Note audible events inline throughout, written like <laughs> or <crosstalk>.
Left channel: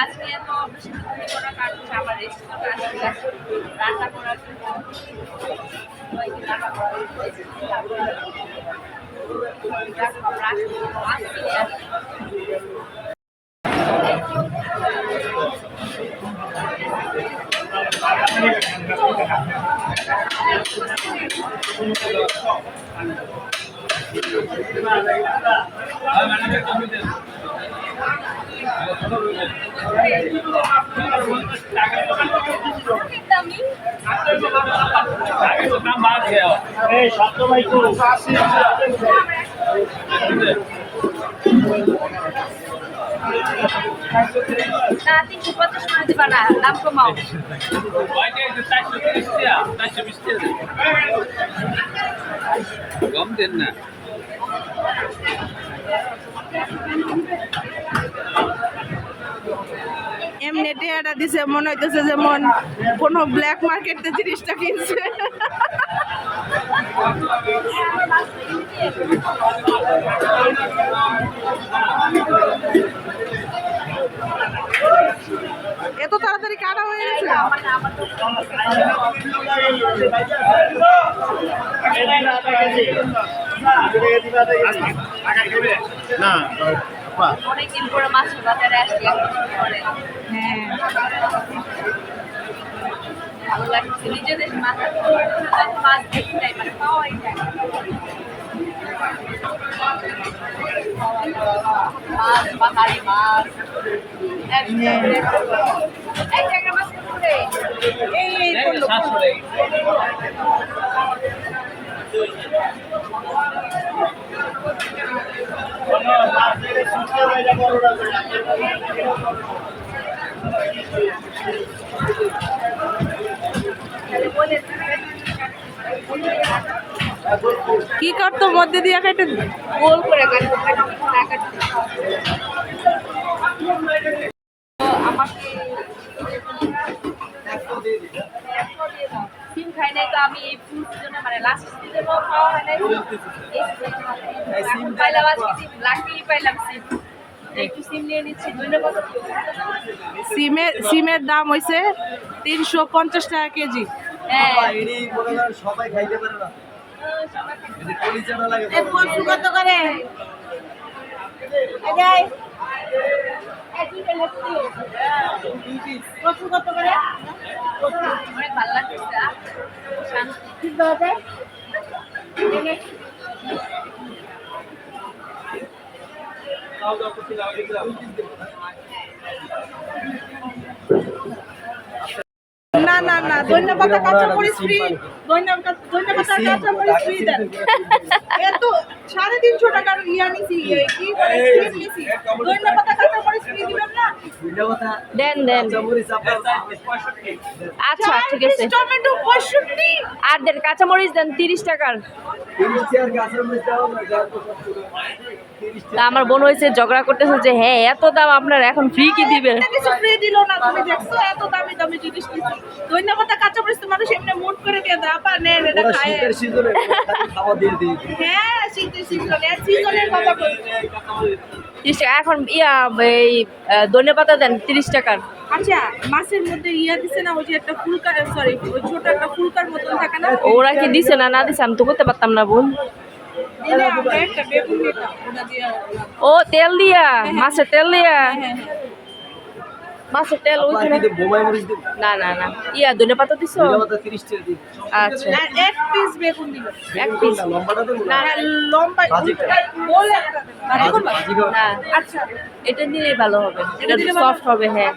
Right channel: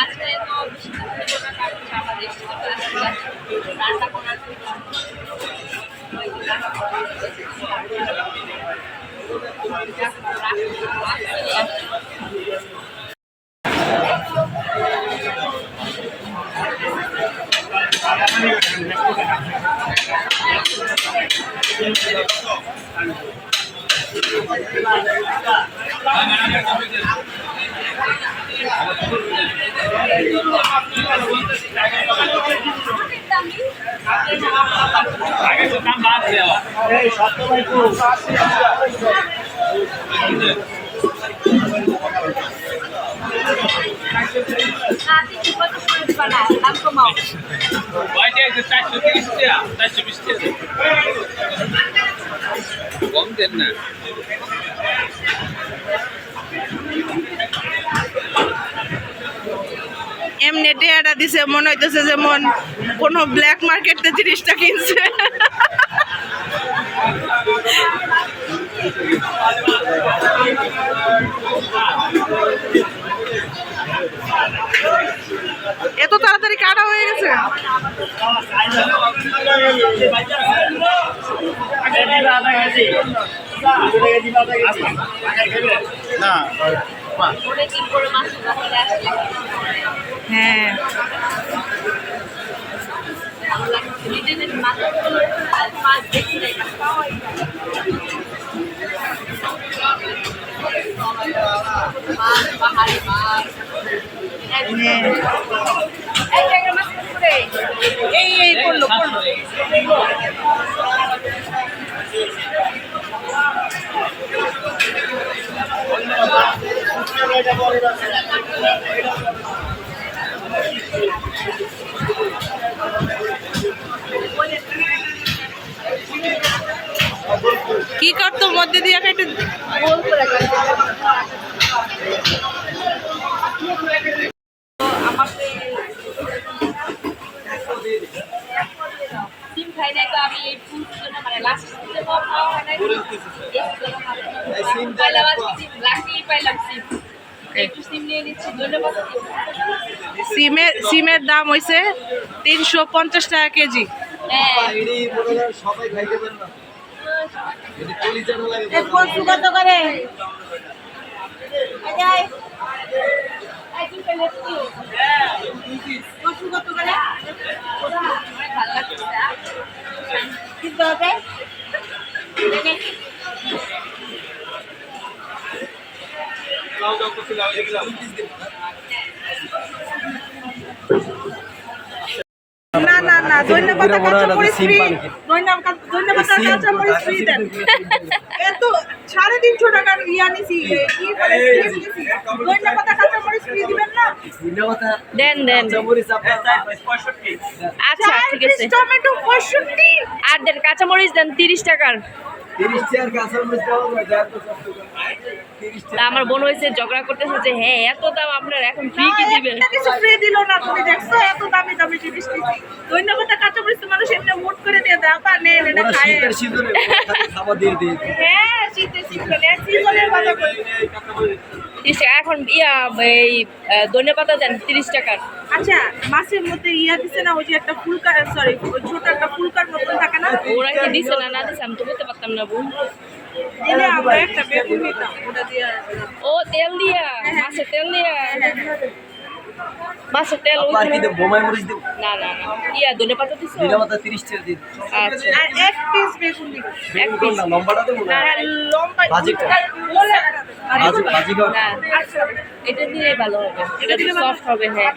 আজকে এত বেশি করার কারণ হচ্ছে আমার রেস্টুরেন্ট আসলে রান্না করার জন্য রান্না করার জন্য এসেছি। এখন আমরা আসছি, মাছ কিনে আসছি। দামি এই সপ্তমাই তো না তিনশো পঞ্চাশ কম দেন না। এমনি টেয়াটা দিছে মনে হইতেছে যেমন কোনো ব্ল্যাক মার্কেটে জিনিসটা কিনছে। এত তাড়াতাড়ি কাটা হয়ে গেছে? অনেকদিন পরে মাছ হ্যাঁ। ভালো লাগছে নিজেদের মাছ মাছ দেখি নাই মাছ পাওয়াই যায় মাছ পাহাড়ি মাছ এই এই পড়ল কি করতো মধ্যে দিয়ে কেটে গোল করে সিম নাই তো আমি এই ফুল জন্য মানে লাস্ট সিজনে খাওয়া হয় নাই পাইলাম আজকে সিম লাকিই পাইলাম সিম। একটু সিম নিয়ে নিচ্ছি ধন্যবাদ। সিমের সিমের দাম হইছে তিনশো পঞ্চাশ টাকা কেজি। হ্যাঁ। সবাই খাইতে পারে না। যদি কলিজা না লাগে। কত করে। কচু কত করে অনেক ভালো লাগছে কিনতে হবে না না না ধন্যবাদ কাঁচা ফ্রি ধন্যবাদ ধন্যবাদ কাঁচা ফ্রি দেন। এত সাড়ে তিনশো টাকার ইয়া নিছি কি বলে নিছি। ধন্যবাদ কাঁচা ফ্রি দিবেন না? দেন দেন। আচ্ছা ঠিক আছে। টমেটো পঁয়ষট্টি। আর দেন কাঁচামরিচ দেন তিরিশ টাকার। তো আমার বোন হয়েছে ঝগড়া করতেছে যে হ্যাঁ এত দাম আপনার এখন ফ্রি কি দিবে? কিছু ফ্রি দিল না তুমি দেখছ? এত দামি দামি জিনিস নিছি। ধন্যবাদ কাঁচা মরিচ মানুষ এমনি মুট করে দিয়ে দেয় আপা নেন এটা খায় খাবার দিয়ে দিয়ে হ্যাঁ শীতের সিজনে সিজনের কথা বলি। এখন ইয়া এই ধনে পাতা দেন তিরিশ টাকার। আচ্ছা মাছের মধ্যে ইয়া দিছে না ওই যে একটা ফুলকার সরি ওই ছোট একটা ফুলকার মতন থাকে না? ওরা কি দিছে না না দিছে? আমি তো করতে পারতাম না বোন দিয়ে ও তেল দিয়া? মাছের তেল দিয়া? মাছের তেল দেব? বোমাই মরিচ দেব। না না না। ইয়া ধনে পাতা দিছো? আচ্ছা। এক পিস বেগুন দিব। এক লম্বাটা দেবো না। লম্বা আচ্ছা এটা দিলেই ভালো হবে। এটা সফট হবে হ্যাঁ।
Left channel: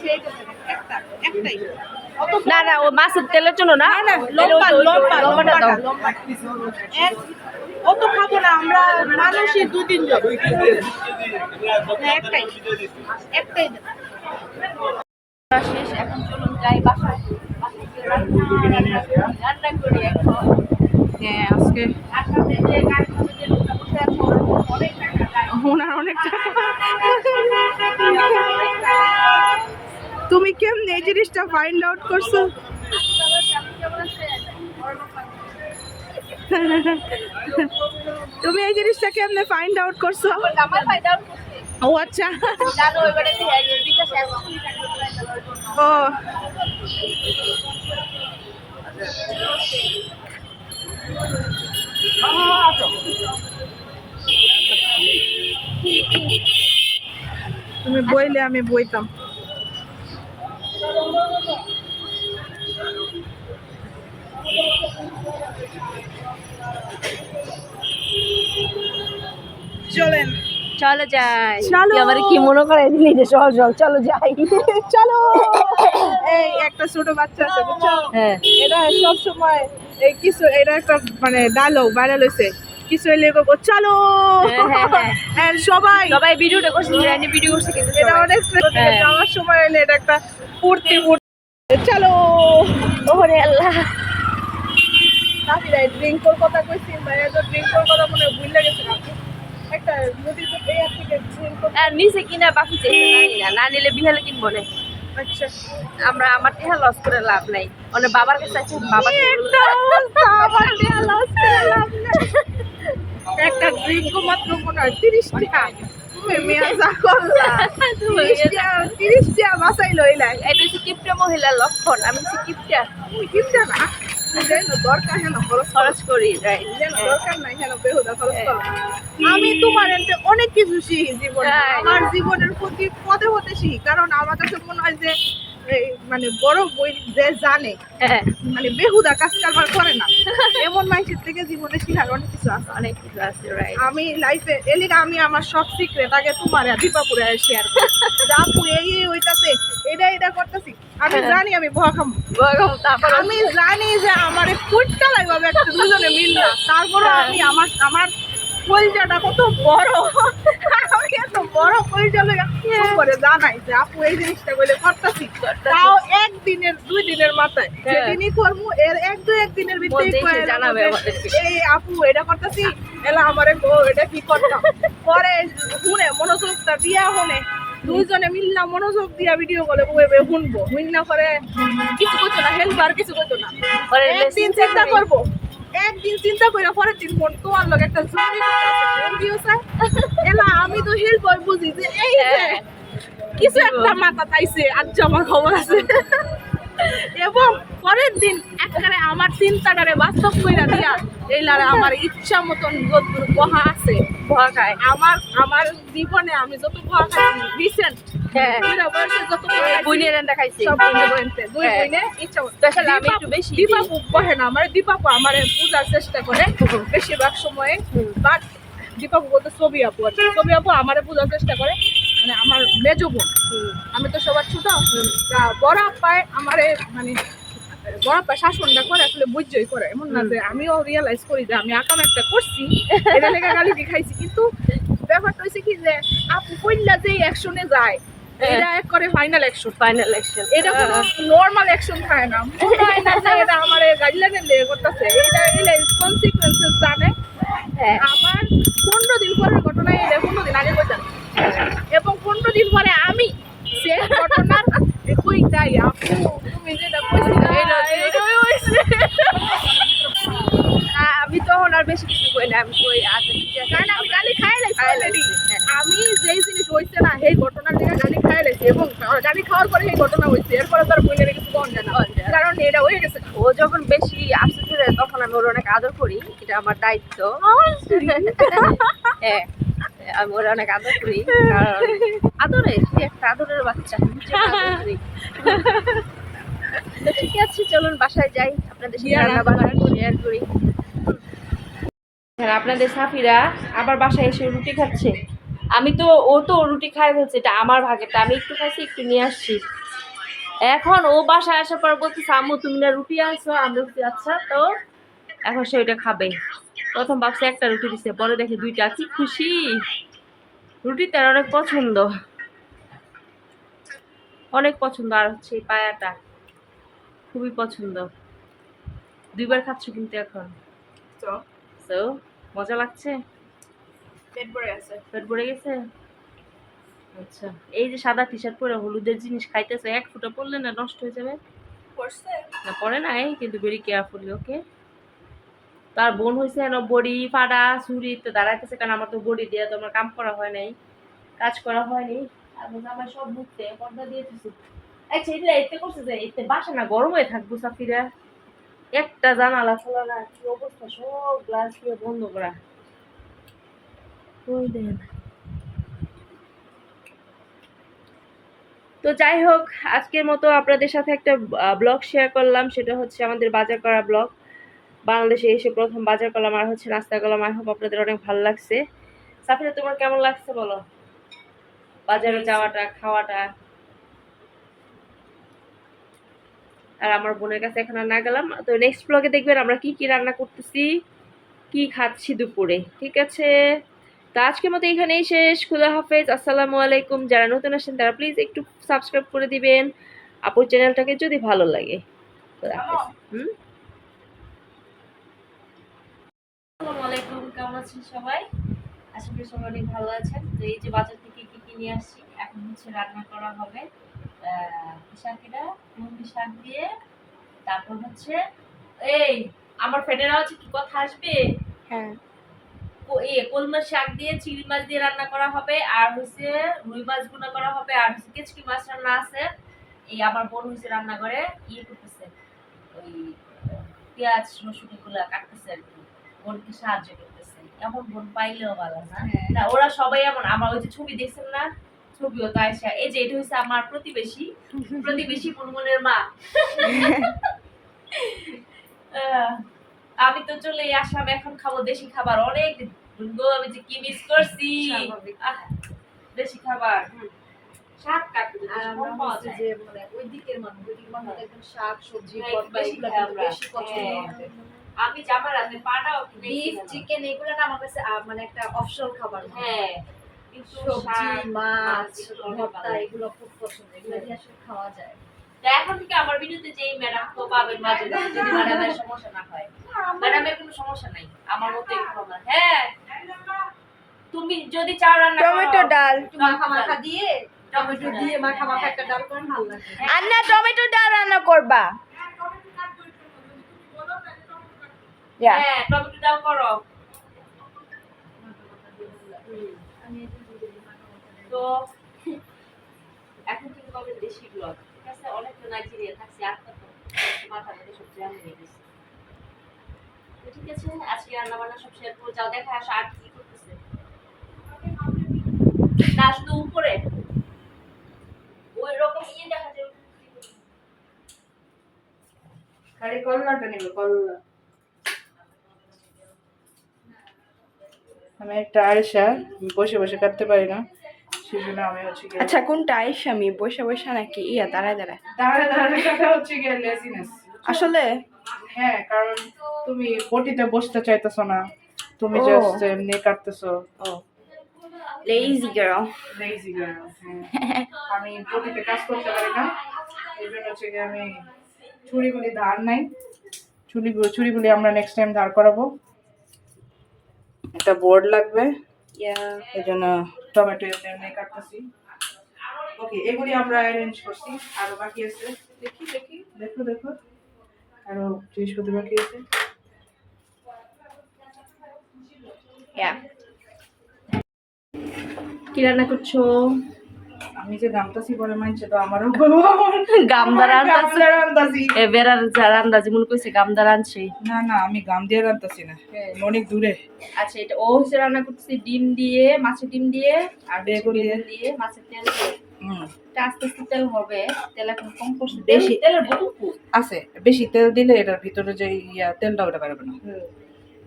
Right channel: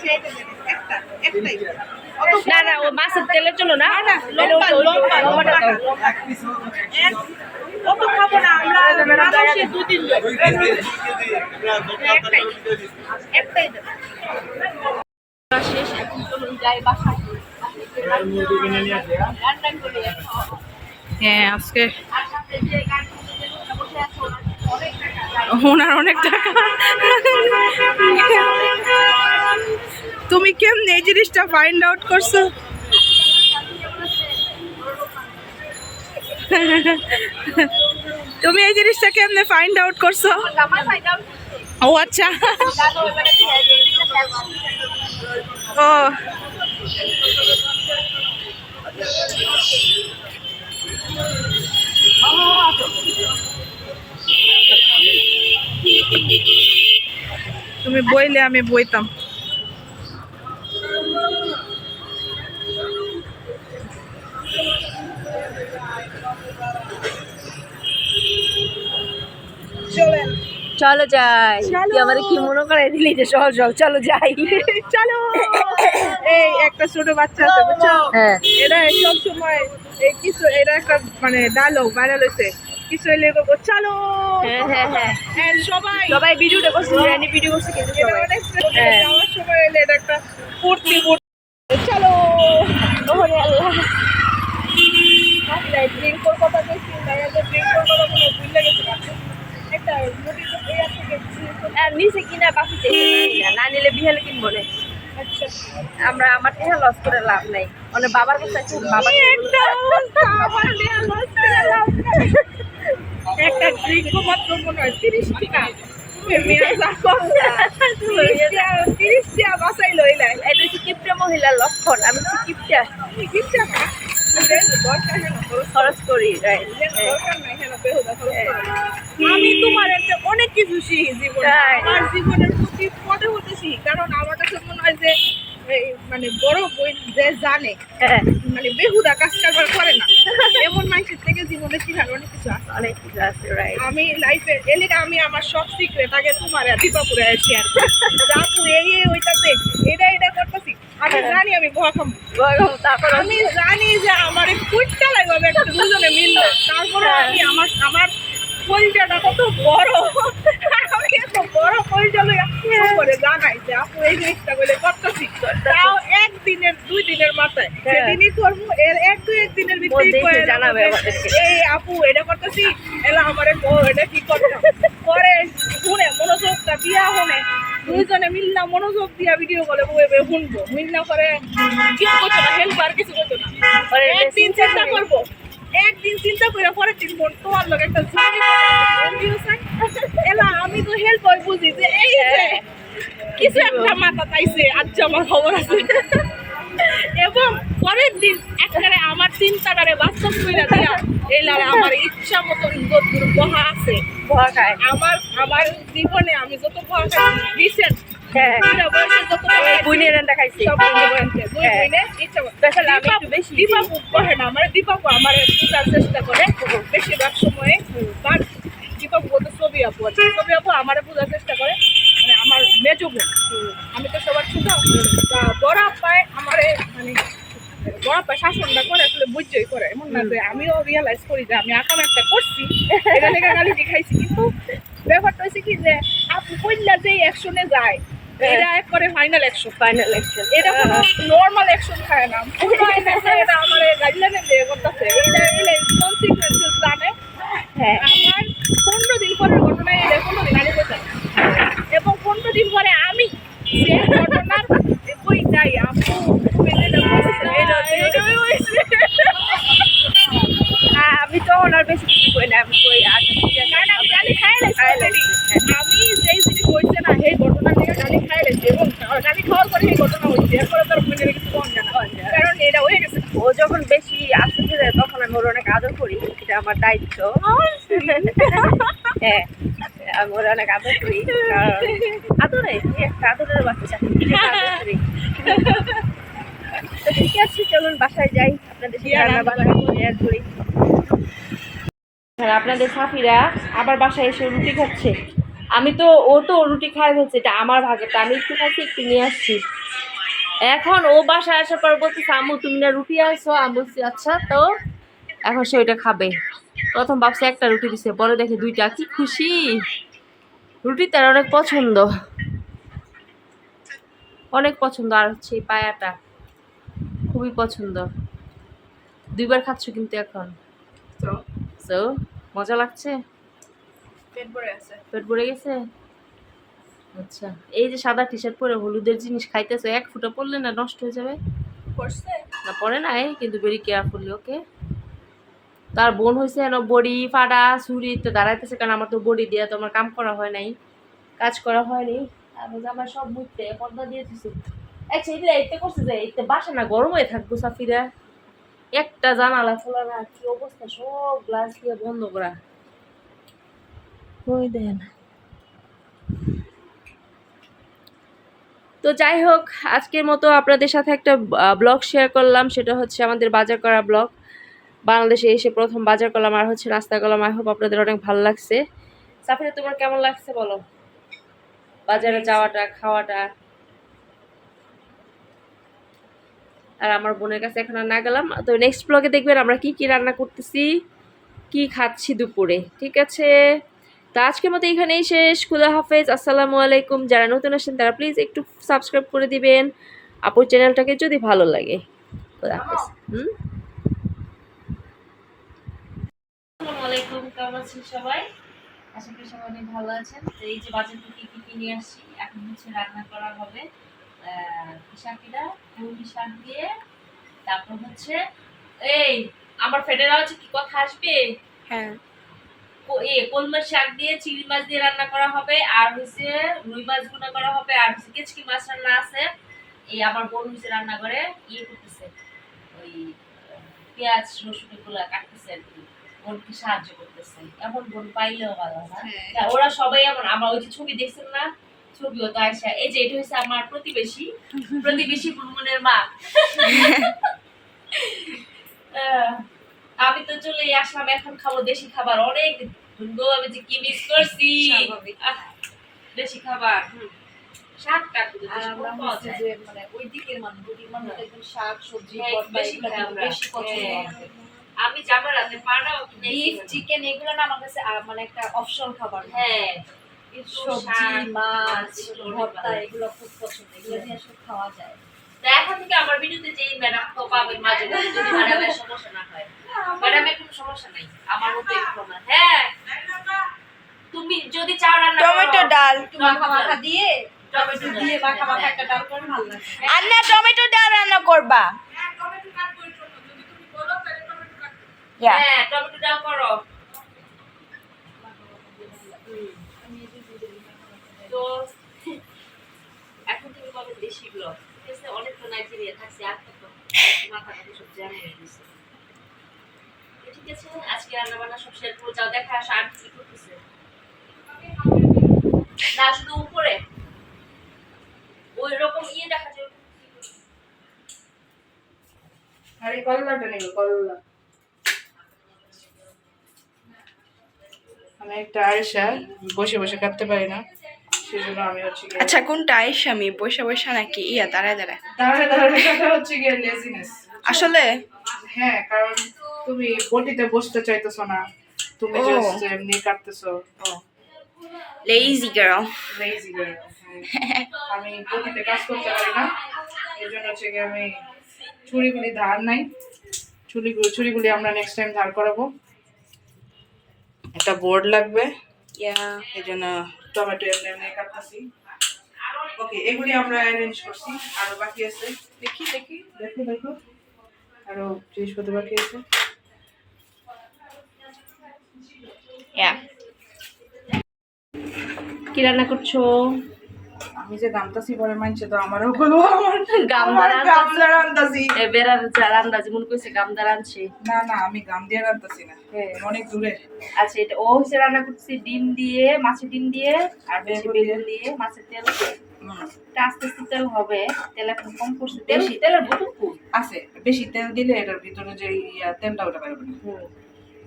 না না ও মাছের তেলের জন্য না। লম্বাটা দাও। অত খাব না আমরা মানুষে দু তিন হ্যাঁ, একটাই। একটাই শেষ এখন চলুন যাই বাসায় রান্না করি এখন হ্যাঁ? আজকে ওনার অনেক টাকা। তুমি কেমনে এই জিনিসটা ফাইন্ড আউট করছ? তুমি এই জিনিসটা কেমনে ফাইন্ড আউট করছ? ও আচ্ছা। ও। তুমি বইলে আমি বইতাম। চলেন। চলো যাই। তুই আমার কি মনে করে দিলি যে চল চল চলো যাই। চলো। এই একটা ছোট বাচ্চা আছে বুঝছ? হ্যাঁ। এরা সব সময় এই কিছু এটা একটা মানে ডায়লগ ভাইরাল হয়েছে। কিছু এলে বলব, চলো। হ্যাঁ, হ্যাঁ। সবাই। সবাই ভিডিওটা করছে রানি ভিডিও করছে কিন্তু এটা অনেক। যাওয়ার সময় এলে এটা একটা ফুর্তি চলো। ওরে আল্লাহ। ড্রিঙ্ক করার কথা কইছি ভাইয়া তো ড্রিঙ্ক করার কথা মনে ভুলে গেছে আর নিচে কিনা বাকি না না নিলে বিহালে কিনবো না। আচ্ছা। আমরা আমার টেহা লস করে লাভ নাই। মানে বাবার কাছে আছে বাবাকে একটা ড্রিঙ্ক মাত্র মনে হয় তিরিশ টাকা। এটা হচ্ছে কিপটা মহিলার লক্ষণ আমি হচ্ছে কিপটা না, দরকার হেন খরচ খরচ করি দরকার নাই হেন বেহুদা খরচ করো। আমি তোমার অনেক কিছু শিখি জীবনে আমার জীবনের প্রতি পদে হতে শিখি কারণ আমার কাছে মনে হয় যে মানে বড় বই যে জানে হ্যাঁ। মানে বেহুদা কাজ কারবার করে না। এমন মানুষের থেকে জীবনে শিখার অনেক কিছু আছে। অনেক কিছু আছে রাইট আমি লাইফে এলিগা আমি আমার সব সিক্রেট আগে তোমার দীপাপুরে শেয়ার যে এই হইতাছে এটা এটা করতেছি। আমি জানি আমি ভয় খামো। তারপর আমি জানি যে আমার ফুটটা লাগবে একটা দুজনে মিললে তারপরে হ্যাঁ। আমি আমার আমার কলজাটা কত বড়। বড় লইয়া ফোন করে জানাই যে আপু এই জিনিসটা বলে করতেছি। তাও একদিনের দুই দিনের মাথায়। হ্যাঁ। যেদিনই করব এর এক দুই একদিনের ভিতরে জানাবে। এই আপু এটা করতেছি এলা আমারে কো এটা কি করতাম? পরে শুনে মনোযোগটা দিয়া শুনে দুইজনে মিললাম মনোযোগ দিয়া ভিডিও কলে বইবে শুনব। শুননা করে কিছু করতো না হেল্প আর কিছু করতো না। lesson চিন্তা করব। একদিন চিন্তা করে পরের দিন ফোন তোমার লোক একটা ফোন এলা আমি তো হেল্প হয় বুঝি যে এই যে হ্যাঁ। কিছু একটা মাথা তাইছে আজ আমার খবর আছে। এবং পরের দিন একবারে আমার চিন্তাটারে বাস্তব করে দিয়া এই লারে আমার ইচ্ছা মতন যতদূর বহা আছে খায়। আমার আমার জীবনে আমি যত বহা খাইছি রিসেন্ট হ্যাঁ। রান্না খাইছি। হ্যাঁ। আমি একটু বেশি দীপাপু বহে না আমার দীপাপু আমার বোঝার চেষ্টা করে। বেশিরভাগ সময়ে হুম। বাট দীপাপু বলতে ছবি আপু আছে। ছবি আপু আমারে বোঝার চেষ্টা করে। মানে আমার মেজো বোন। আমি তো সবার ছোট। তা বড় আপ্পায় আমারে মানে বড় আপ্পা শাসনটা করে আসলে বুঝছই করে। এমন না যে আমিও রিয়েলাইজ করি যে আমি আকাম একটা করছি। এটা লেখা গালি দেখাইছি কিন্তু ব্যাপারটা হচ্ছে কি যে আপু কইলা যে অ্যাকশনে যায় এটা এক করে ফাইনাল অ্যাকশন ফাইনাল ইলেকশন এটা কোনো নর্মাল অ্যাকশন থাকে না। <laughs> এটা আমার গাইডলাইনের দিয়ে করতেছে। এটা এলে কনসিকুয়েন্সেস জানে। হ্যাঁ। আমার পনেরো দিন পরের ঘটনা এটা পনেরো দিন আগে কইতাম এবং পনেরো দিন পরে আমি সে ঘটনার কই যাই আপু তুমি যেটা এটা এটাই হইছে হ্যাঁ, আমি তখন আর বেশি কিছু কই না আমি কই আচ্ছা ঠিক আছে। আমি গালি খাই লাইছি। আমি যেই জিনিস হইছে না সেই ঘটনা থেকে গালি খাই লাইছি এবং গালি খাওয়ার পরে সেই ঘটনা হইছে। এরপরে তার মনে কিছু কম জানা জানা। কারণ এটা হয়ে গেছে। ও যখন বেশি আপসেট হয়ে যায় তখন আমি ওর অনেক আদর করি। এটা আমার দায়িত্ব। হ্যাঁ আমি ওর অনেক আদর করি। কারণ আদরে একটা আদরের বাচ্চা। তো ঠিক আছে চলুন বাসায় যাই। আপনাদের সাথে রান্না বান্না শেয়ার করি। আপনাদের সাফিরা আবার বাসায় এসে রুটি খাচ্ছে। আমি তো ও তো রুটি খাই ফেলছে এটা আমার ভাগেরটা আমি একটু খাইছি একটু নিয়ে আসছি। এখন ও বাসায় আসার পর বলতেছে আম্মু তুমি না রুটি আসছো আমি বলছি আচ্ছা তো এখন সে ওইটা খাবে। প্রথম ভাবছে একটা রুটি দিছে পরে দেখে দুইটা। কি খুশি! রুটি তার অনেক পছন্দ। অনেক পছন্দ আর হচ্ছে পায়াটা। খুবই পছন্দ। দুইবার খাচ্ছ কিন্তু এখন। তো? তো মজা লাগছে? পেট ভরে আছে পেট ভরে গেছে? আচ্ছা এই যে সাদা টি শার্ট পরে হলুদের জিনিস খাইতেছে এক ফুটা পড়লে না নষ্ট হয়ে যাবে? করছে না পরে নাই কিন্তু ভেরি কেয়ারফুলি ওকে তার বোন হয়েছে যেন বড়ি ফাড়া ছুরি তো দাঁড়াইতেছে কারণ আমার তো বড়ি দিয়ে তো আমার কাম করা হয় নাই কাজ করা হয়নি আমি আমার সব বুঝতে পর্দা দিয়ে দিছি। আচ্ছা এটা এতে করছে যে এতে বাসা না গরম হয়ে থাকব, সাফিরা। একটা জানালা খোলা না, কি অবস্থা? সব গ্লাস দিয়ে বন্ধ করা। ওই দেন। তো যাই হোক, আজকের মতো আপনাদের সাথে একটা ব্লগ শেয়ার করলাম। সেটা হচ্ছে আমাদের বাজার করা ব্লগ বাংলাদেশে এসে প্রথম বাজার করলাম, আর হচ্ছে নাস্তা করলাম। আই হোপ আপনাদের অনেক ভালো লাগছে। সাফিরা, তোমার কেমন লাগছে বলো? বাজারে যাওয়াটা, খাওয়াটা? আর আমার বোনের কাছে এখন আর না গেলাম। তো নেক্সট ব্লগে দেখবেন আমরা কি কি রান্না করতেছি কি খাচ্ছি দুপুরে ঠিক আছে? তো আজকের মতো এখানেই শেষ। খুদা হাফেজ আসসালামু আলাইকুম। যারা নতুন আসেন তারা প্লিজ একটু সাবস্ক্রাইব করে দিবেন। আপুর চ্যানেলটাকে যদি ভালো লাগে। খুদা হাফেজ। হুম? আসসালামু আলাইকুম। কেমন আছেন সবাই? আশা করি সবাই অনেক ভালো আছেন। তো এই যে বাজার থেকে কি কি নিয়ে আসছি এখন হচ্ছে রান্না করা হবে। মুরগি শাক দিয়ে তারপর হচ্ছে এই আমার ফেডেরা হচ্ছে কি কথা আসবে? হ্যাঁ। এ শাক দিয়ে চিংড়ি মাছ দিয়ে রান্না করা হবে আর হচ্ছে রুই মাছ গুনা করা হবে আর হচ্ছে কেচকি মাছ রান্না আছে। এই আমার বোন হচ্ছে রান্না করে ইয়ে করতেছে ওই পেঁয়াজ রসুন এগুলো কাটতেছে আর কি। বোনকে সাহায্য করতেছে। এমন বোন পাইলেও ভালো না। না, ওরা সবাই এমন আমার ওই যে ছবি দেখছেন না? ছবিও তো আয়সা এই যে এটা হচ্ছে আমার প্রতিবেশী প্রতিবেশী মা। আমি তো চলে আসলাম এখন খাব দেশি খাবার। অনেক গো, আমি যে কি মিস করছি? দেশি খাবার শাক পাওয়া যায়। যে মানে ওই দিকের মানুষ ওদিকের মানুষ একদম শাক সবজি হ্যাঁ, বেশি। বেশি পছন্দ হ্যাঁ। আমি জামার হাতে পাড়াও কিনে চিকেন এগুলো না আমার কাছে মানে একটা অপশনাল খাবার। হ্যাঁ। সবজি মাছ ভর্তা এগুলো খুব পছন্দ এগুলো দিয়ে আসলে খাওয়া যায়। এখন থেকে আমার ভিডিওতে যে ম্যাডাম তো পাবেন মাঝে মাঝে যদি <laughs> ম্যাডামের সমস্যা না হয়। ম্যাডামের কোনো সমস্যা নাই আমার মতো একটু হ্যাঁ। তুমি যদি চাও রান্না টমেটো ডাল। মাখা মাখা দিয়ে টমেটো দিয়ে মাখা মাখা একটা ডাল করে ভালো লাগে। আর না টমেটো ডাল রান্না করবা? হ্যাঁ টমেটো ডাল করো। তো, এখন পাবে দেশি ঠিক আছে অনেক তো নাইজেরিয়া থাকছে মাথা সব জ্যাম হয়ে গেছে। ঠিক আছে, আজকে রান্না বান্না সব শেয়ার করে যাও, দেখা আসা, আর কি করতেছে? না, শুধু উপরে। ওই রকম ইয়ে দেখা যায় আরে কল্লাটা আমি একটা আয়েশা বসে বসে কাটতে পারি না সেই জন্য আমি হচ্ছে আচ্ছা কোনটা আয়েশা? আমি বসে বসে নাকি? ইয়া দাঁড়ায় দাঁড়ায়। দাঁড়ায় দাঁড়ায় কাটা হচ্ছে গিয়ে লেজিনেস আসলে? হ্যাঁ কারণ তুমি বটিতে বসতে চাইতেছো না। তুমি জাস্ট এমনি কাটতেছো ও। লেজি গার্ল লেজি গার্ল আমি বটিতে কাজ করতে পারি না। এই জন্য হচ্ছে গিয়ে আমি ছুরিগুলি ধার নাই। ছুরিগুলি ছুরিগুলি আমরা নেক্সট টাইম ধার করাবো। একটা বোর্ড লাগবে। এই জন্য টমেটো এমনি এমনি কাটতেছি। ওকে এগুলি আমরা অ্যারেঞ্জ করছি। আরও বাকি আছে? দেখি দেখি। দেখো দেখো। আরও জিনিসপত্র বাকি আছে? কি রান্না করছ? আমি যে গামতাছি পরে মানছে তো আমারও বলব গামদার আমার গামলা রান্তাছি এ বেড়ার যারা আন্দাজি মনে করছে গামদার আনছে। না না আমি গাম দিয়ে রান্তাছি না। হ্যাঁ। অনেক দূরে। আচ্ছা এটা ও হচ্ছে রান্না করছে ডিম দিয়ে মাছের ডিম দিয়ে আর বেগুন দিয়ে। দিয়ে মাছের তেল দিয়ে। আস্তে আস্তে তেল হবে তেল এখন কম করছে। বেশি। তেলের বোতল আছে বেশি তেল দিলে এটার ভিতরে যে ইয়া তেলটা ওটা পারবে না।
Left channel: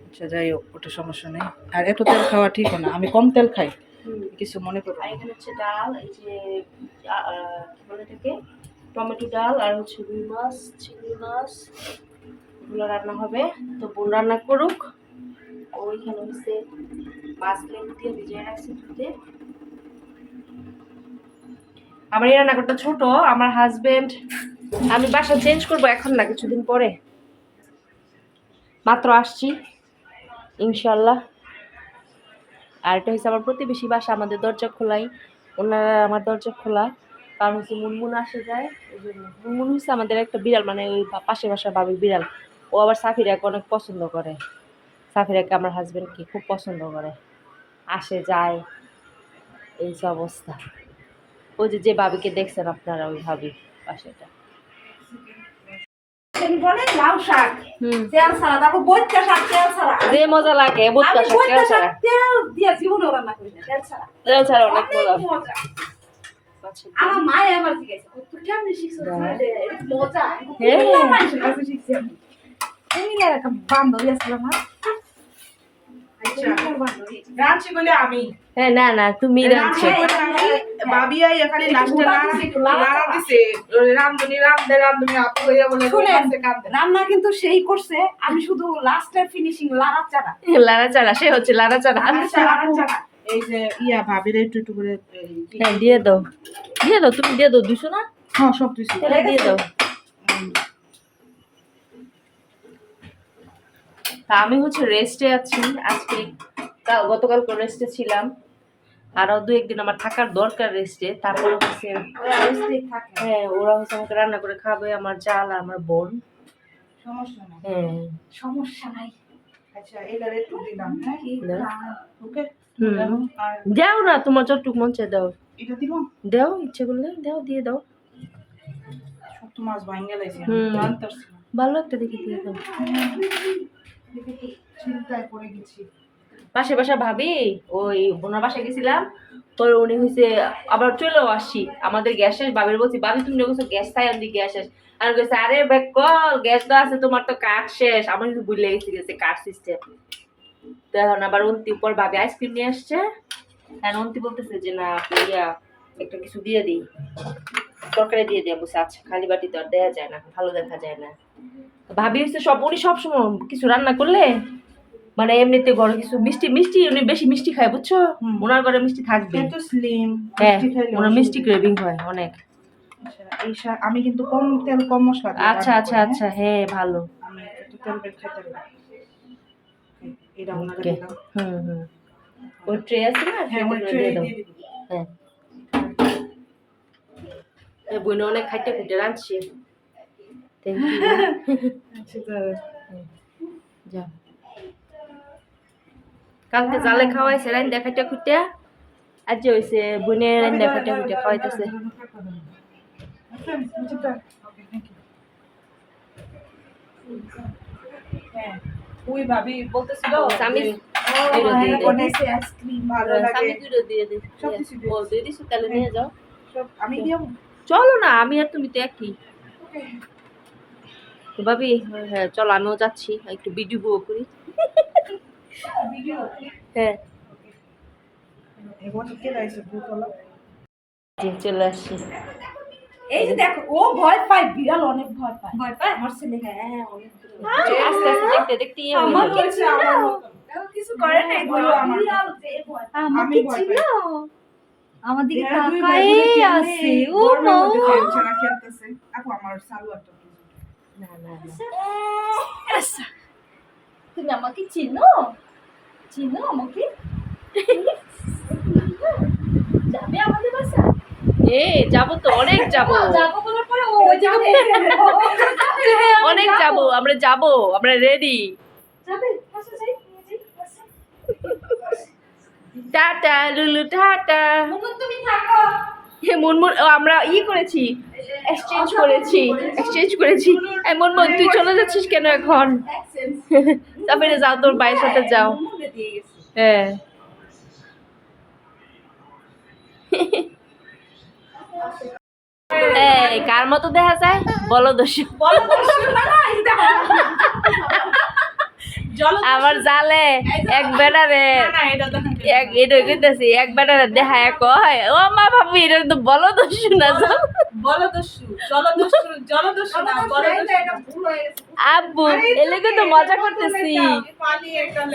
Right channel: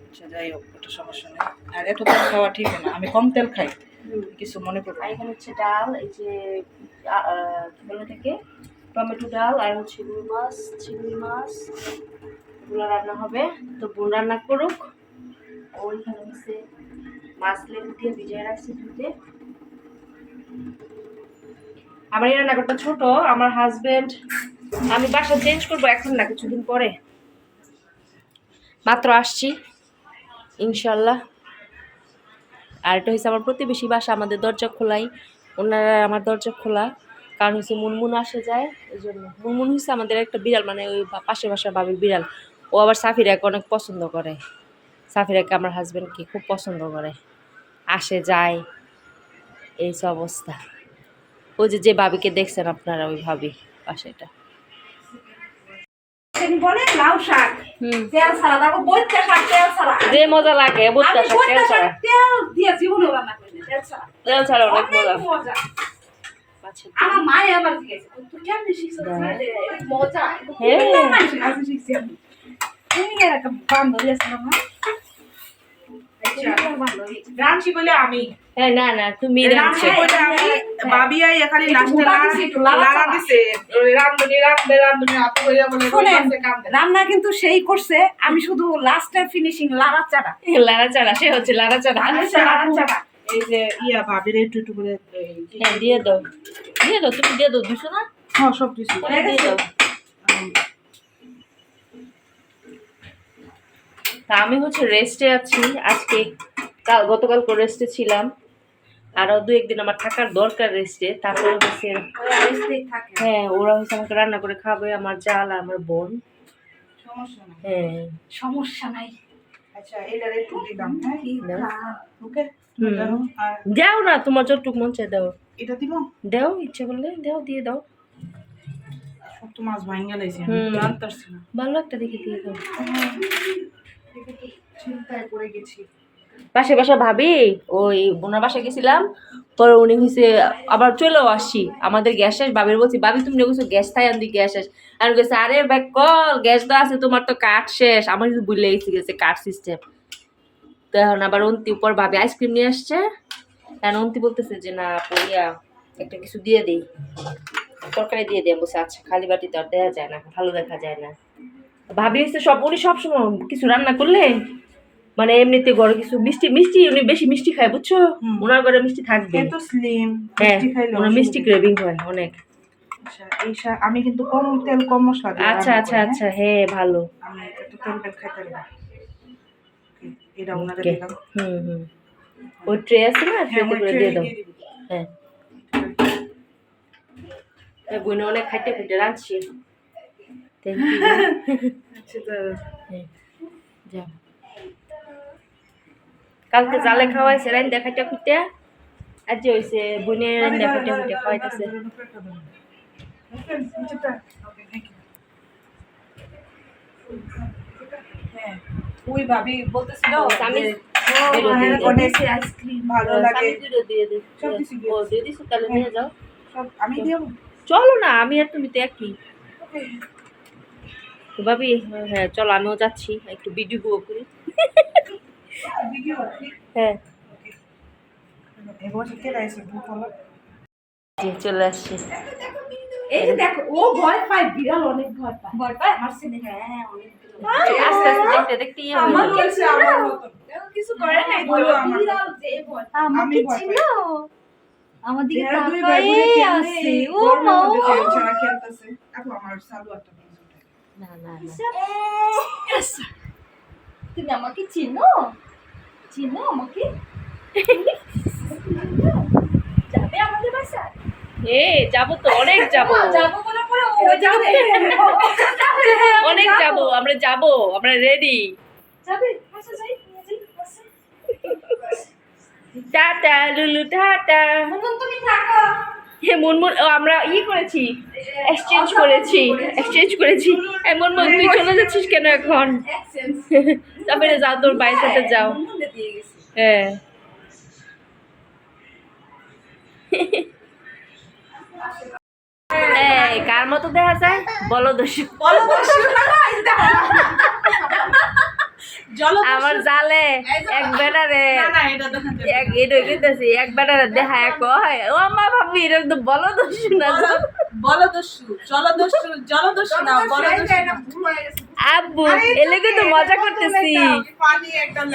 আচ্ছা যাই হোক ওটা সমস্যা নেই। আর এত তেল খাওয়া ঠিক না আমি কম তেল খাই। কিছু মনে না। এখানে হচ্ছে ডাল, এই যে কি বলে এটাকে? টমেটো ডাল আর হচ্ছে রুই মাছ, চিংড়ি মাছ, এগুলো রান্না হবে। তো বোন রান্না করুক। ওইখানে হচ্ছে মাছ লেবু দিয়ে ভিজিয়ে রাখছি ধুতে আমার এই রান্নাঘরটা ছোট, আমার হাজবেন্ড আমি বাসা চেঞ্জ করব এখন না, কিছুদিন পরে। মাত্র আসছি, ইনশাল্লাহ। আর এটা হচ্ছে আমার প্রতিবেশী বাসা, আমাদের দরজা খোলাই। ওনারা আমার দরজা খোলা। কারণ হচ্ছে মুনমুন আসে যায়, এই জন্য। মুনমুন হচ্ছে আমাদের একটা বিড়াল মানে ওই পাশে বাসার বাবির বিড়াল। ও আবার সাফিরাকে অনেক পছন্দ করে। সাফিরাকে আমার হাজব্যান্ডকে খুব পছন্দ করে। আসে, যায়। এই অবস্থা। ওই যে যে ভাবিকে দেখছেন আপনারা, ওই ভাবি পাশেটা লাউ শাক হুম। তেল ছাড়া দেখো বইতে শাক তেল ছাড়া। যে মজা লাগে বুটটা আমি শাক তেল বইতে ছাড়া। শাক তেল দিয়ে জীবনে রান্না করি না তেল ছাড়া। তেল ছাড়া অনেক মজা। অনেক মজা আমার মায়ে আবার জিজ্ঞেসে তুই কেমনি শিখছিস। মজা। মানুষের কাছে শিখছি? আমি এই আর বান্ধবী আছে আমার। রাঁচি বলে আমি। না না তুমি রাঁধছো আমি এখানে লাস্টে দিছে, রান্ধনি রান্ধে রান্ধনি বলে কান্দে রান্না কিন্তু সেই করছে আমি শুধু লাস্টের ফিনিশিং লাড়া চাড়া লাড়া চাড়া সে হচ্ছে লাড়া চাড়া আমি হচ্ছে লাড়া চাড়া এই যে ইয়া ভাবির একটু একটু করে এই কি- হ্যাঁ দিয়ে দাও। দিয়ে দাও তুমি দিয়ে দাও না? হ্যাঁ সব দিয়ে দাও। তা আমি হচ্ছে রেস্টে আছি। আজকে কাল গতকাল করে রেস্টে ছিলাম। আরও দু একদিন আমার থাকার দরকার রেস্টে তারপর হচ্ছে হ্যাঁ ওরা হচ্ছে আমাকে রান্না করে খাবে আমার জাল আর আমার বোন। সমস্যা হ্যাঁ। সমস্যা নাই। আচ্ছা হ্যাঁ? দাও। না তোমার যতটুকু মন চায় দাও। এটা দাও ইচ্ছে করলে দাও দিয়ে দাও। ভালো একটা দেখে দিয়ে দাও। চিন্তায় পড়ে গেছি। পাশে বাসা ভাবি, ওই বোনার বাসায় গেছিলাম। পরে উনি হয়েছে আবার চলেও আসি। আমাদের গ্যাস শেষ, বাবির বলছি, বাবি, তুমি বলছো গ্যাস, তাই আমি গ্যাস শেষ। আর গেছে আরে ব্যাগ কল, গ্যাস তো আছে, তোমার তো কাঠ শেষ। আমার কিন্তু বুঝলে গেছে গেছে কাঠ সিস্টেম তো এখন আবার অন্তি উপর ভাবি আইসক্রিম নিয়ে আসছে। এখন অন্তি বলতেছে যে, না ইয়া একটা কিছু দিয়ে দিই। তরকারি দিয়ে দিই বলছি আচ্ছা খালি বাটি তো আর দেওয়া যায় না, ভালো দেখা যায় না। ভাবি হচ্ছে সব, উনি সবসময় কিছু রান্না করলে মানে এমনিতে ঘরে কিছু মিষ্টি মিষ্টি উনি বেশি মিষ্টি খায় বুঝছ? ওনার ঘরে মিষ্টি থাকবে এত স্লিম হ্যাঁ মিষ্টি খাইলে ওনার মিষ্টি ক্রেভিং হয় অনেক। আচ্ছা এই শা- আমি কিন্তু কম তেল কম মশলা আচ্ছা আচ্ছা আচ্ছা হ্যাঁ ভালো। হ্যাঁ? আমি এত তেল বেল খাইতে পারি। এটা ওনারে দিলাম হুম হুম। ওই ট্রে আছে না? হ্যাঁ ওই tray দিয়ে দাও হ্যাঁ। এই বোনে অনেক খাইতে খুঁটে রাঁধছি থ্যাংক ইউ <laughs> আচ্ছা দাঁড়া। কালকে জালে খাওয়াইছে রাইন দেখাইতে খুঁটে আজ যে হয়েছে বোনে রাইন দেখাইতে খুঁটে খাওয়াইতেছে। ওই ভাবি বলতেছিল আমি চলো না আমি আর তুমি তো একই। ভাবি হ্যাঁ চলো আমিও যাচ্ছি একটু ভিডিও করি। হ্যাঁ। চলে আসছি। এই দেখো ও ভয় পায় বিড়াল অনেক ভয় পায়। ভয় পায়? আমার ছেলে হ্যাঁ অনেক আস্তে আস্তে দেখতে দেখতে ইয়ে হয়ে যাবে। কিছু করে নাই বলো আমার বিড়াল যে ভয় পায়। আমি ভয় আমার দিকে তাকাই আছে? ও মা। মধ্যে খেলতেছে। আপু, আমার সালোয়ারটা না না না। তুমি আমাকে চিনো? চিনো আমাকে? যাবে আমাদের বাসা? এ যাব তো অনেক যাব। যাব বলে পরে ও যাবে। অনেক যাব আমরা যাব আমরা রেডি যাবে যাই টাটা লুলু টাটা তুমি থাকো। হে মুনমুন আমরা ই করেছি এক্সচেঞ্জ করেছি এক্সচেঞ্জ করেছি। এই মুনমুন তুই চলে যাচ্ছিস কেন এখন? <laughs> তারপরে যাও তোর ভাইয়ের সাথে যাও। হ্যাঁ কার মতো দেখা যায় বলো বলো জল আমার জালে এক যাবে। এক এটা কইতেছি এক বেটারে দেখা এক কয় ও মা ভাবি এটা তো বলো দোষ না। বলদস্যু জলদস্যু জলদস্যু না গেছে আব্বু এলে কিন্তু মজা করতেছি।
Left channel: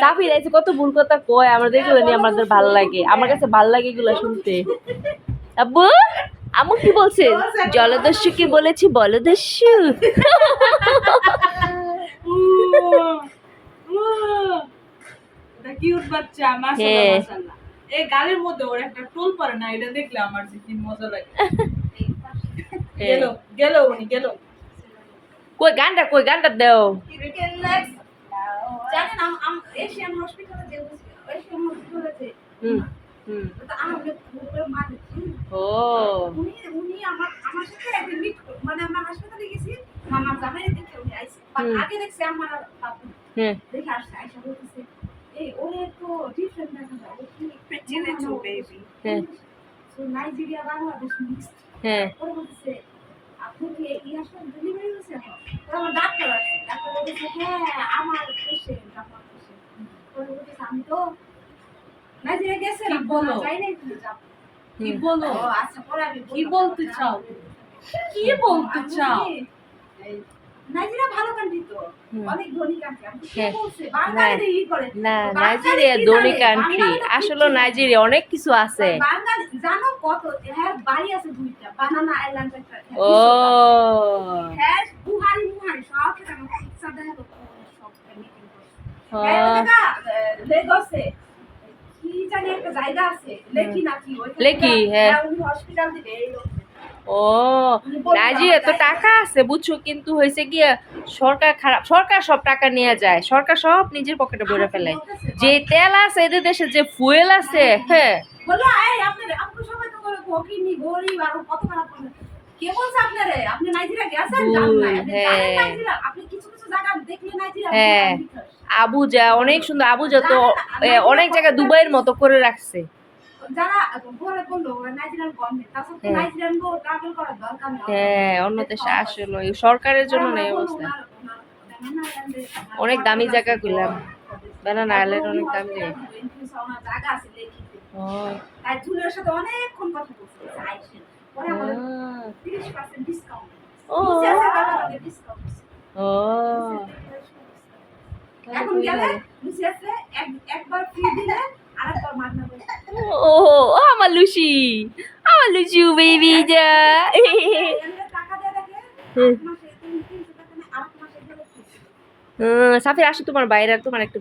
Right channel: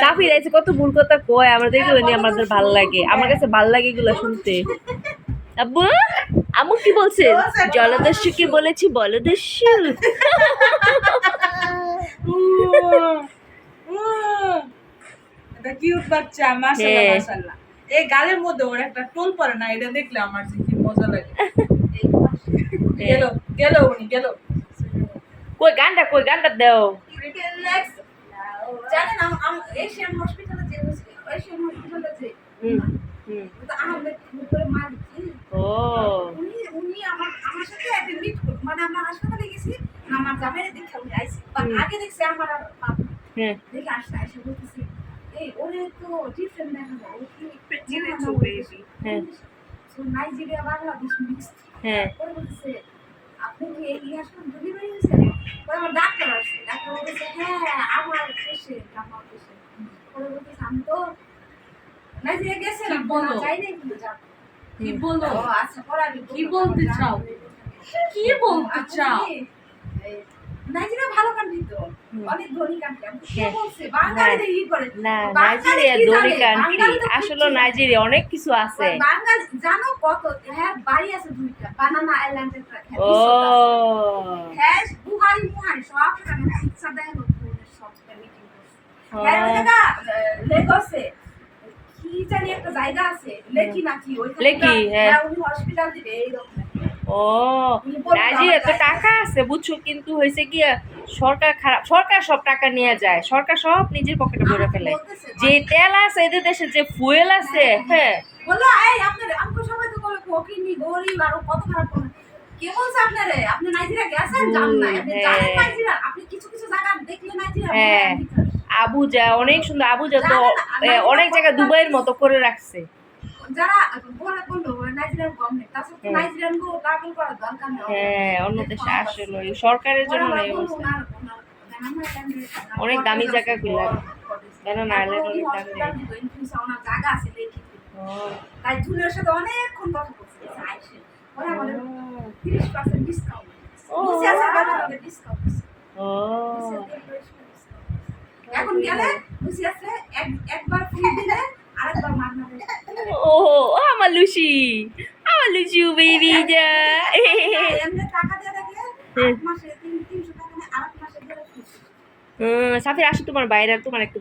সাফি রাইছে কত ভুল কথা কয় আমরা দেখলে নিয়ে আমাদের ভালো লাগে। আমার কাছে ভালো লাগে এগুলো শুনতে। আব্বু আমু কি বলছেন জলদস্যু কি বলেছি। বলদস্যু। এটা কিউট বাচ্চা মাশাআল্লাহ হ্যাঁ। মাশাআল্লাহ। এই গালের মধ্যে ওর একটা টোল পড়ে না এটা দেখলে আমার যে কি মজা লাগে। <laughs> গেল গেল উনি গেল। কই গানটা কই? গানটা দেও। জানেন এশিয়ান হসপিটালে যে এশিয়ান হসপিটালে যে হুম হুম। তো আহমেদ গ্রুপের মালিক হ্যাঁ। ও। উনি উনি আমার আমার সাথে একদিন মিট মানে আমরা হাসপাতালে গেছি আমার জামাইরে দেখে উনি আগে দেখছি আমার হ্যাঁ। দেখে আসছে আইসা বলতেছে এই ওরে তো ডিফারেন্ট দেখা যায় ও কি হ্যাঁ So, নাইজেরিয়া বাংলাদেশ মিক্সড হ্যাঁ। পরে বলতেছে আপনি কি ডেলিভারি হয়েছে পরে আমার ডাক্তার আসছে ডাক্তার বলতেছে হ্যাঁ আমার পেশেন্ট আমার পেশেন্ট আমি তো গেছে বলো? যাই নাই কিন্তু যাব কি বলো আচ্ছা পরে আমি কি বলতে চাও? কি বলতে চাও? নাইজেরিয়া ভালো কান্ট্রি তো। অনেক ধনী কান্ট্রি আমি হ্যাঁ। বলছে? বাঙালিরা ই করে। না নাইজেরিয়া ধনী কান্ট্রি আসলে নাইজেরিয়া অনেক কিছু আছে। বাঙালি জানো কত? হ্যাঁ বাড়ি আছে দুইটা। বানানা আইল্যান্ড একটা। ও। হ্যাঁ বুহারি মুহারি সব টাকা ইচ্ছা দেয় লোক সব মিটিং করছে ও, হ্যাঁ, লেগসে কি জানি একটা জায়গা আছে লেকি নাকি? ওইখানে লেকি, হ্যাঁ। উনি হসপিটাল দিবে এইরকম ও নাইজেরিয়া তো টাকা আছে বুঝছ কিন্তু হয়েছে কি সরকার খারাপ সরকার সব টাকা নিয়ে যায় সরকার সব নিজের পকেটে ভরে ফেলে। যে তেল আছে এদের দেশে যে ফুয়েল আছে হ্যাঁ। বলল এই আপনার সবাই তো বলে ফকিনি গরিব আর কত খারাপ করে কে বলছে আপনারে? আপনি নাইজেরিয়া গেছেন জানেন না আপনি হ্যাঁ। জানেন নাইজেরিয়া? আপনি কিছু কিছু জায়গা দেখলে নাইজেরিয়া হ্যাঁ। আবুজা অনেক সুন্দর আবুজা তো অনেক জায়গায় দুবাইয়ের মতো করে রাখছে। যারা বলে বলল নাইজেরিয়ান গভর্নমেন্ট তাছাড়া তো হ্যাঁ। নাইজেরিয়ান গো ট্রাভেল করার দরকার নেই হ্যাঁ অন্য দেশে আসলে এই সরকারের জন্য না এই অবস্থা অনেক দামি জায়গা গুলাম বানানা আইল্যান্ড অনেক দামি জায়গা আছে তাই জুলের সাথে অনেকক্ষণ কথা বলছে আইসে পরে আমাদের তিরিশ পার্সেন্ট ডিসকাউন্ট ও। ডিসকাউন্ট ও এখন গেলে আছে একবার ফ্রি দিলে ও আমার লুচি আমার লুচু বেবি যা। সাফির আসো তোমার বাইরে তোমার একটু